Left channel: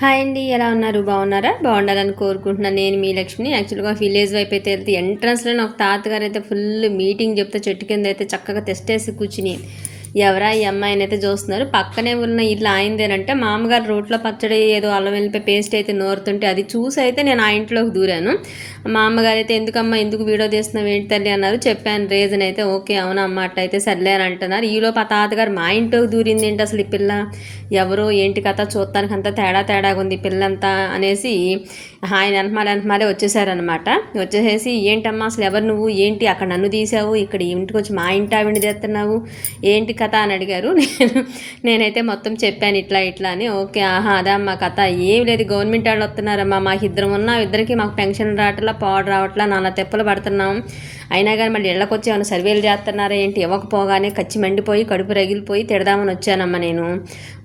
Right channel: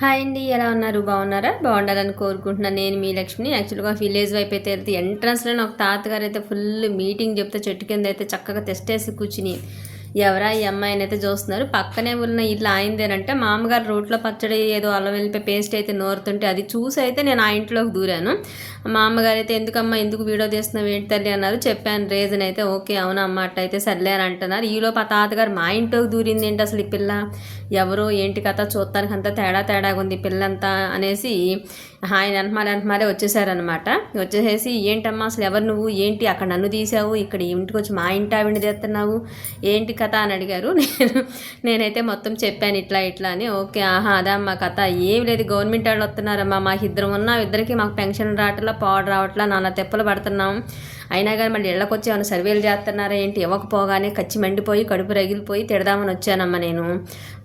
Hi అండి ఎలా ఉన్నారు? బాగున్నారా? బాగుండాలని కోరుకుంటున్నాను నేను మీ లక్ష్మిని. యాక్చువల్గా విలేజ్ వైపు అయితే వెళ్తే ఎంట్రన్స్లో నాకు తాతగారు అయితే ఫుల్ మీటింగ్ చెప్తే చెట్టు కింద అయితే చక్కగా తెస్టేసి కూర్చుని ఎవరా ఈ అమ్మాయిని అయితే చూస్తున్నారు. పక్కనే ఉన్న ఇల్లు ఆయనదేనంటే మామగారు రోట్లో పచ్చడి ఏదో అల్లం వెళ్ళిపోయి పేస్ట్ అయితే నోరుతుంటే అది చూసి అయితే నేను ఆ ఇంట్లోకి దూరాను. మా అమ్మగారు అయితే ఎందుకమ్మా ఎందుకు వీడియో తీస్తున్నావు? ఏంటి తల్లి? అన్నారు. చెప్పాను రీజన్ అయితే ఓకే అవునా అమ్మ? అట్ట అయితే సర్లే అని అంటున్నారు. ఈలోపు ఆ తాతగారు మా ఇంట్లోకి దూరింది ఏంటి అసలు ఈ పిల్ల? ఎవరో ఏంటి కథ? చూడటానికి అంతా తేడా తేడాగా ఉంది పిల్లంతా అనేసి ఆయన అంటమాలే అంటమాలే వచ్చేసారనమాట వచ్చేసేసి ఏంటమ్మా అసలు ఎవరు నువ్వు? ఏంటి అక్కడ నన్ను తీసావు? ఇక్కడ ఇంటికి వచ్చి మా ఇంటి ఆవిడ చేస్తున్నావు ఏంటి కథ అని అడిగారు. నేను నేనైతే మొత్తం చెప్పాను ఇట్లా ఇట్లా అని. ఓకే ఆహా అదా మా కథ. ఏం లేదు గవర్నమెంట్ వాళ్ళు వస్తున్నారమ్మా. మాకు ఇద్దరు ఉన్న ఇద్దరికి మాకు పెన్షన్ రావట్లా పాడు రావట్లా నాన్న తెప్పలు పడుతున్నాం. అయినా కానీ మళ్ళీ ఇళ్ళకొచ్చి ఏమైనా సర్వేలు చేస్తున్నారా ఏంటి? ఇవ్వకపోగానే కచ్చి మండిపోయి కడుపు రగిలిపోయి తిడదామని వచ్చానమ్మా నేను.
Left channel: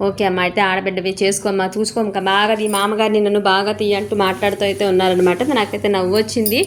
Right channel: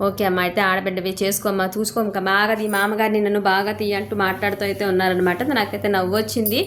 ఓకే అమ్మ అయితే ఆడబిడ్డవి చేసుకోమ్మా చూసుకో ఇంకా బాగా ఈ మామగారిని నన్ను బాగా తీయంటూ మాట్లాడుతూ అయితే ఉన్నారనమాట నాకైతే నవ్వు వచ్చింది.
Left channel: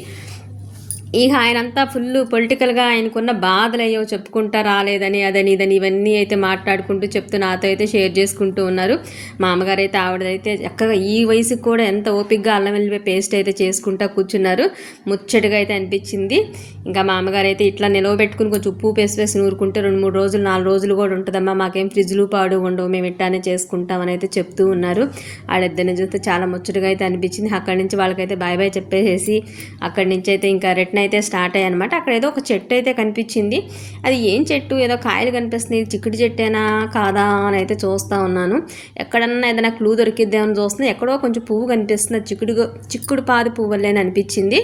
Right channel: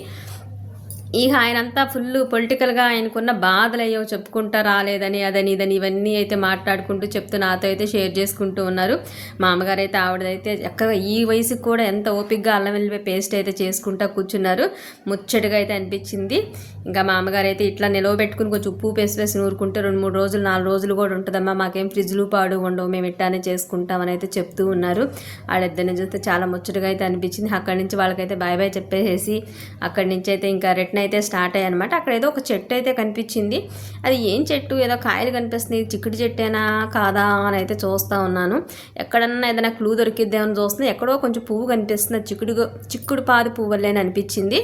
ఇక ఆయన అంతా ఫుల్ పొలిటికల్గా ఆయనకున్న బాధలు అయ్యో చెప్పుకుంటా రాలేదని అదని ఇదని ఇవన్నీ అయితే మాట్లాడుకుంటూ చెప్తూ నాతో అయితే షేర్ చేసుకుంటూ ఉన్నారు. మా అమ్మగారు అయితే ఆవిడైతే చక్కగా ఈ వయసుకు కూడా ఎంత ఓపిక్గా అల్లం వెల్లిపాయ పేస్ట్ అయితే చేసుకుంటా కూర్చున్నారు. ముచ్చటగా అయితే అనిపించింది. ఇంకా మా అమ్మగారు అయితే ఇట్లా నిలవబెట్టుకుని కొంచెం ఉప్పు పేస్ట్ వేసి నూరుకుంటే రెండు మూడు రోజులు నాలుగు రోజులు కూడా ఉంటుందమ్మా మాకేం ఫ్రిడ్జ్లు పాడు ఉండవు మేము ఇట్లానే చేసుకుంటామని అయితే చెప్తూ ఉన్నారు. వాళ్ళిద్దరిని చూస్తే చాలా ముచ్చటగా అయితే అనిపించింది. అక్కడి నుంచి వాళ్ళకైతే బాయ్ బాయ్ చెప్పేసేసి అక్కడి నుంచి అయితే ఇంకా రిటర్న్ అయితే స్టార్ట్ అయ్యాయి అనమాట అక్కడ ఏదో ఒక చెట్టు అయితే కనిపించింది. అది ఏం చెట్టు? ఏదో కాయలు కనిపిస్తుంది చిక్కుడు చెట్టేనా? కాదా? అని అయితే చూస్తూ ఉన్నాను. ఎక్కడన్నా ఏదైనా క్లూ దొరికిద్దామని చూస్తుంది. ఎక్కడో కొంచెం పువ్వు కనిపిస్తుంది. చిక్కుడు చిక్కుడు పాది పువ్వులేని అనిపించింది.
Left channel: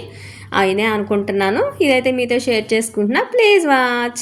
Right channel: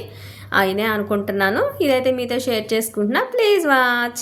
అయినే అనుకుంటున్నాను. ఇదైతే మీతో షేర్ చేసుకుంటున్నా. Please watch